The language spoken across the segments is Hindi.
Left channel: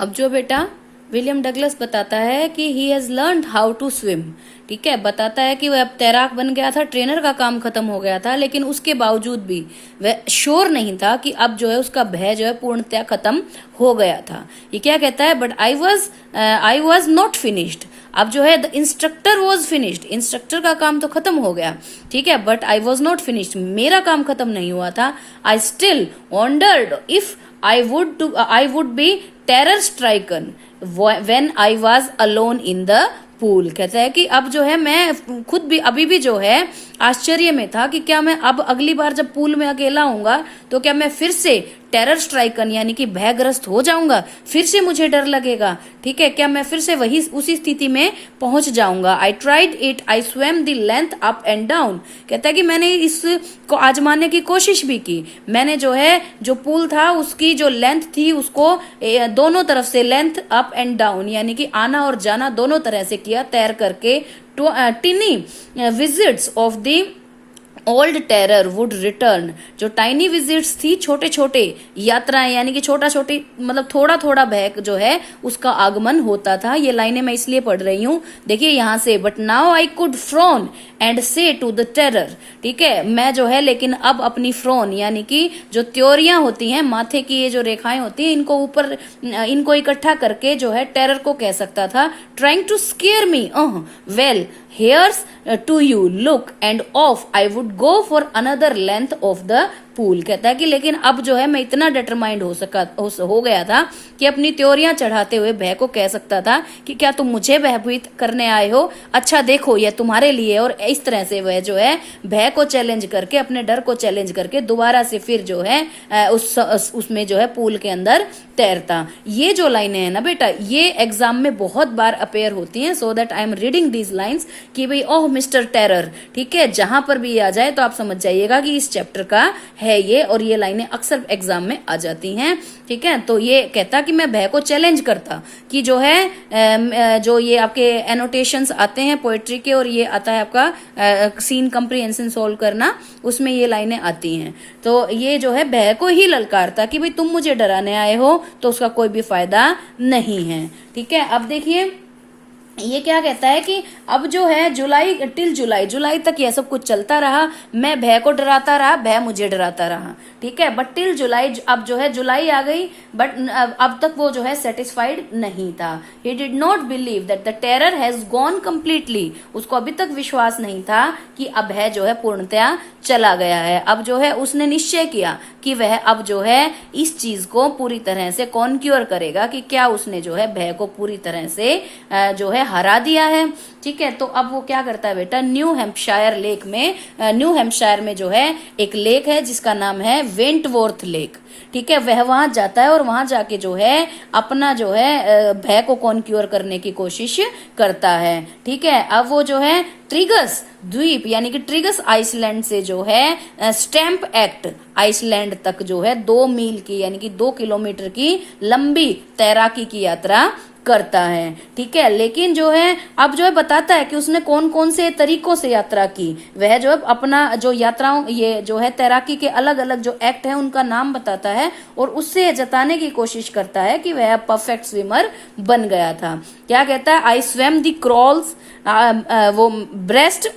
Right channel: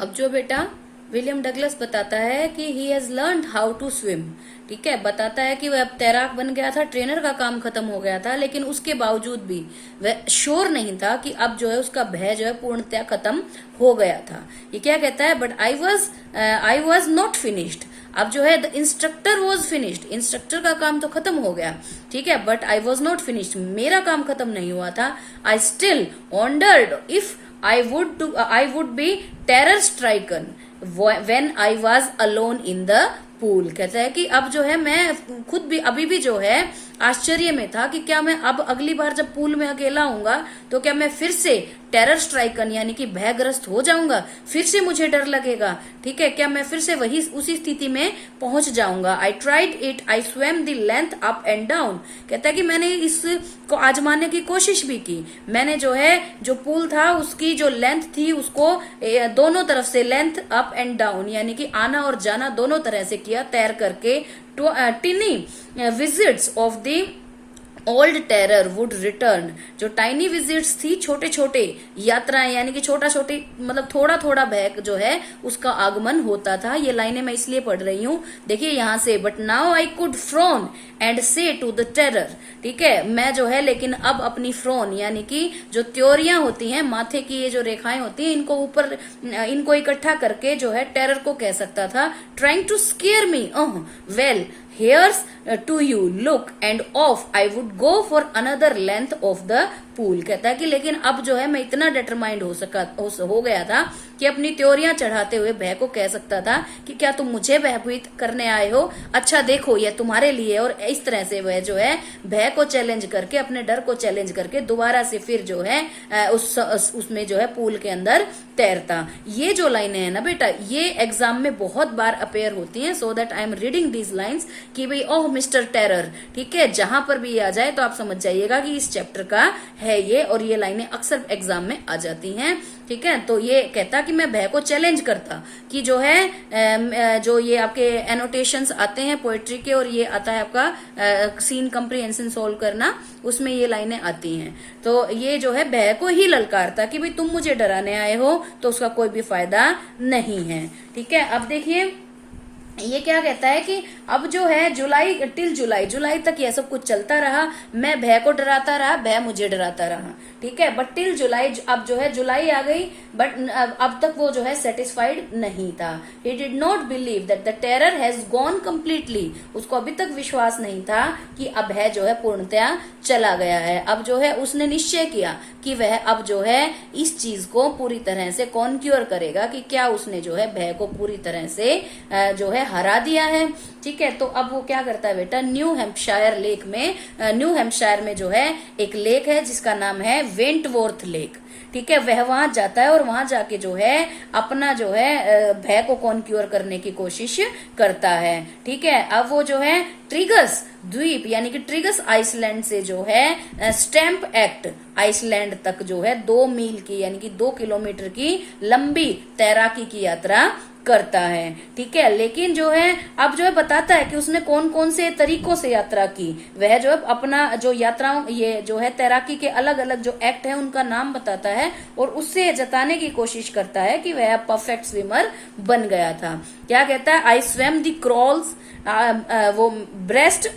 अब जो बेटा विलियम डगलस बताता है कि he has learned how to swim. ठीक है, बताता है कि वह अब तैराक बन गया था, ट्रेनर का काम खत्म हो गया था, लेकिन उसके बावजूद भी वह श्योर नहीं था कि अब जो है उसका भय जो है पूर्णतया खत्म हो गया था। ये क्या कहता है, but I was not finished. अब जो है the instructor was finished, instructor का काम तो खत्म हो गया, ठीक है, but I was not finished, मेरा काम खत्म नहीं हुआ था। I still wandered if I would be terror stricken when I was alone in the pool। कहता है कि अब जो है मैं खुद भी अभी भी जो है आश्चर्य में था कि क्या मैं अब अगली बार जब पूल में अकेला होऊंगा तो क्या मैं फिर से टेरर स्ट्राइकन यानी कि भयग्रस्त हो जाऊंगा, फिर से मुझे डर लगेगा। ठीक है, क्या मैं फिर से वही उसी स्थिति में पहुंच जाऊंगा। I tried it, I swam the length up and down. कहता है कि मैंने इसको आजमाने की कोशिश भी की। मैंने जो है जो पूल था उसकी जो लेंथ थी उसको दोनों तरफ से लेंथ अप एंड डाउन यानी कि आना और जाना दोनों तरह से किया तैर करके। टिनी visits of the old terror would return. जो टाइनी विजिट्स थी, छोटे छोटे यात्राएं यानी कि छोटा छोटी मतलब थोड़ा थोड़ा भय जो है उसका आगमन होता था। ये लाइनें मैं इसलिए पढ़ रही हूं, देखिए यहां से, but now I could prone and से टू द टेरर। ठीक है, मैं जो है लेकिन अब अपनी फ्रोन यानी कि जो त्योरियां होती हैं, माथे की ये जो रेखाएं होती हैं, इनको ऊपर इनको इकट्ठा करके जो है टेरर को कह सकता था, trying to scare me, well here's to you look and off I would go for another length of the pool. कहता है कि लेकिन अब जो है मैं इतना डिटरमाइंड हो गया था कि अपनी त्योरियां चढ़ाते हुए भय को कह सकता था कि क्या तुम मुझे भयभीत करने आए हो, अच्छा देखो यह तुम्हारे लिए। और इस तरह से वह जो है भय को चैलेंज करके, अपने डर को चैलेंज करके दोबारा से फिर जो है उसमें जो है पूल के अंदर तैरता। ये जो लाइनें हैं ना बेटा, ये एग्जाम में बहुत बार अपेयर होती हैं, so that I am reading these lines कि भाई ओह मिस्टर टेरर। ठीक है, जहां पर भी ये आ जाए तो आप समझ जाइएगा कि इस चैप्टर का है ये, और ये लाइनें अक्सर एग्जाम में आ जाती हैं। ठीक है, तो ये कहता कि मैं भय को चैलेंज करता कि जो है जो ये आपके एनोटेशंस आते हैं पोएट्री के, और ये आता है आपका सीन कंप्रीहेंशन सॉल्व करना, उसमें ये लाइनें आती हैं। तो ये जो है भय को ही ललकारता कि भाई तुम मुझे डराने आए हो तो उसका कोई भी फायदा नहीं है। ठीक है, अब देखिए ये क्या कहता है कि अब जो है जुलाई तक यह सब कुछ चलता रहा, मैं भय को डराता रहा, भय मुझे डराता रहा। ठीक है, बट टिल जुलाई, अब जो है जुलाई आ गई, बट अब तक वो जो है सेटिस्फाइड नहीं था। He did not believe that the terror has gone completely. उसको अभी तक विश्वास नहीं था कि अब भय जो है पूर्णतया चला गया है। अब जो है उसने निश्चय किया कि वह अब जो है इस चीज को पूरी तरह से कॉन्क्योर करेगा, कि क्या उसने जो है भय को पूरी तरह से जो है हरा दिया है। ठीक है, तो अब वो क्या करता है बेटा, न्यू हैम्पशायर में जो है एक लेक है जिसका नाम है वेंटवॉर्थ लेक। ठीक है, वह वहां जाता है और वहां जाके जो है अपना जो है भय को कॉन्क्योर करने की कोशिश करता है। ठीक है, अब वो जो है ट्रिगस द्वीप यानी कि ट्रिगस आइसलैंड से जो है स्टैम्प एक्ट आइसलैंड तक जो है 2 मील की यानी कि 2 किलोमीटर की लंबी तैराकी की यात्रा करता है। ठीक है, लेकिन जो है अब जो है बताता है कि उसने कौन कौन से तरीकों से यात्रा की। वह जो है अपना जो यात्राओं ये जो है तैराकी के अलग अलग जो एक्ट है उनका नाम बताता है, और उससे जताने की कोशिश करता है कि वह परफेक्ट स्विमर बन गया था। क्या कहता है, आई स्वेम द क्रॉल्स, वो breast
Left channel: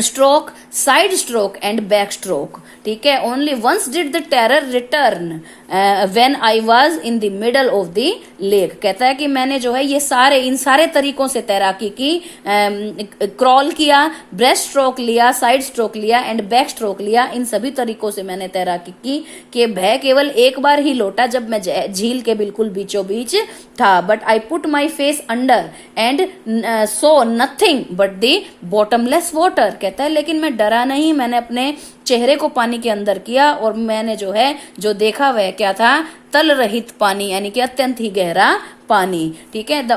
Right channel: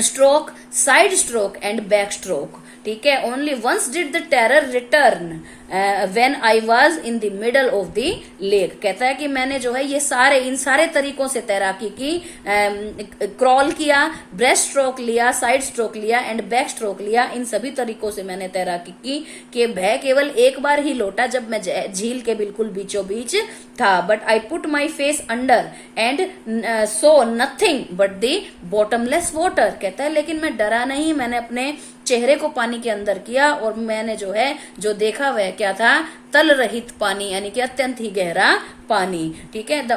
stroke, side stroke and back stroke. ठीक है, only once did the terror return when I was in the middle of the lake. कहता है कि मैंने जो है ये इन सारे तरीकों से तैराकी की, क्रॉल किया, ब्रेस्ट स्ट्रोक लिया, साइड स्ट्रोक लिया एंड बैक स्ट्रोक लिया। इन सभी तरीकों से मैंने तैराकी की कि भय केवल एक बार ही लौटा जब मैं झील के बिल्कुल बीचों बीच था। But I put my face under and so nothing but the bottomless water. कहता है लेकिन मैं डरा नहीं, मैंने अपने चेहरे को पानी के अंदर किया और मैंने जो है जो देखा वह क्या था, तल रहित पानी यानी कि अत्यंत ही गहरा पानी। ठीक है, the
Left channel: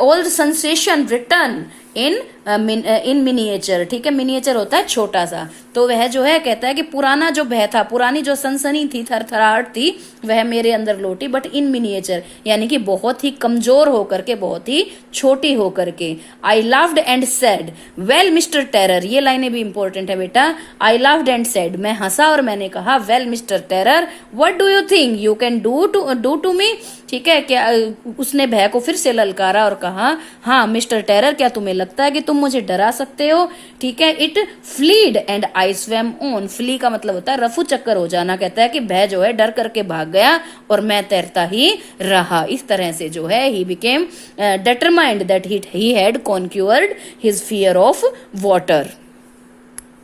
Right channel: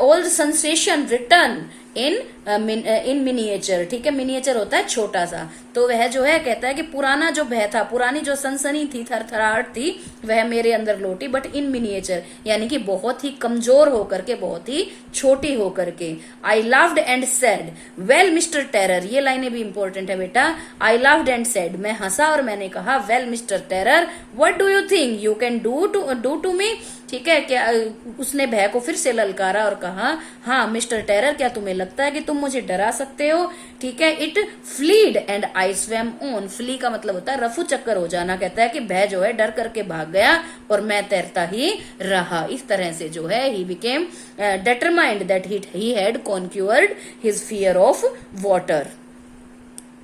old sensation return in miniature. ठीक है, मिनिएचर होता है छोटा सा, तो वह जो है कहता है कि पुराना जो भय था, पुरानी जो सनसनी थी, थरथराहट थी, वह मेरे अंदर लौटी, बट इन मिनिएचर, यानी कि बहुत ही कमजोर होकर के, बहुत ही छोटी होकर के। I laughed and said, well mister terror, ये लाइनें भी इंपॉर्टेंट है बेटा। आई लाफ्ड एंड सेड, मैं हंसा और मैंने कहा, well mister terror, what do you think you can do to me. ठीक है, क्या उसने भय को फिर से ललकारा और कहा, हाँ मिस्टर टेरर, क्या तुम्हें लगता है कि तुम मुझे डरा सकते हो। ठीक है, it fled and I swam on, flee का मतलब होता है रफू चक्कर हो जाना। कहता है कि भय जो है डर करके भाग गया और मैं तैरता ही रहा। इस तरह से जो है he became determined that he had conquered his fear of water.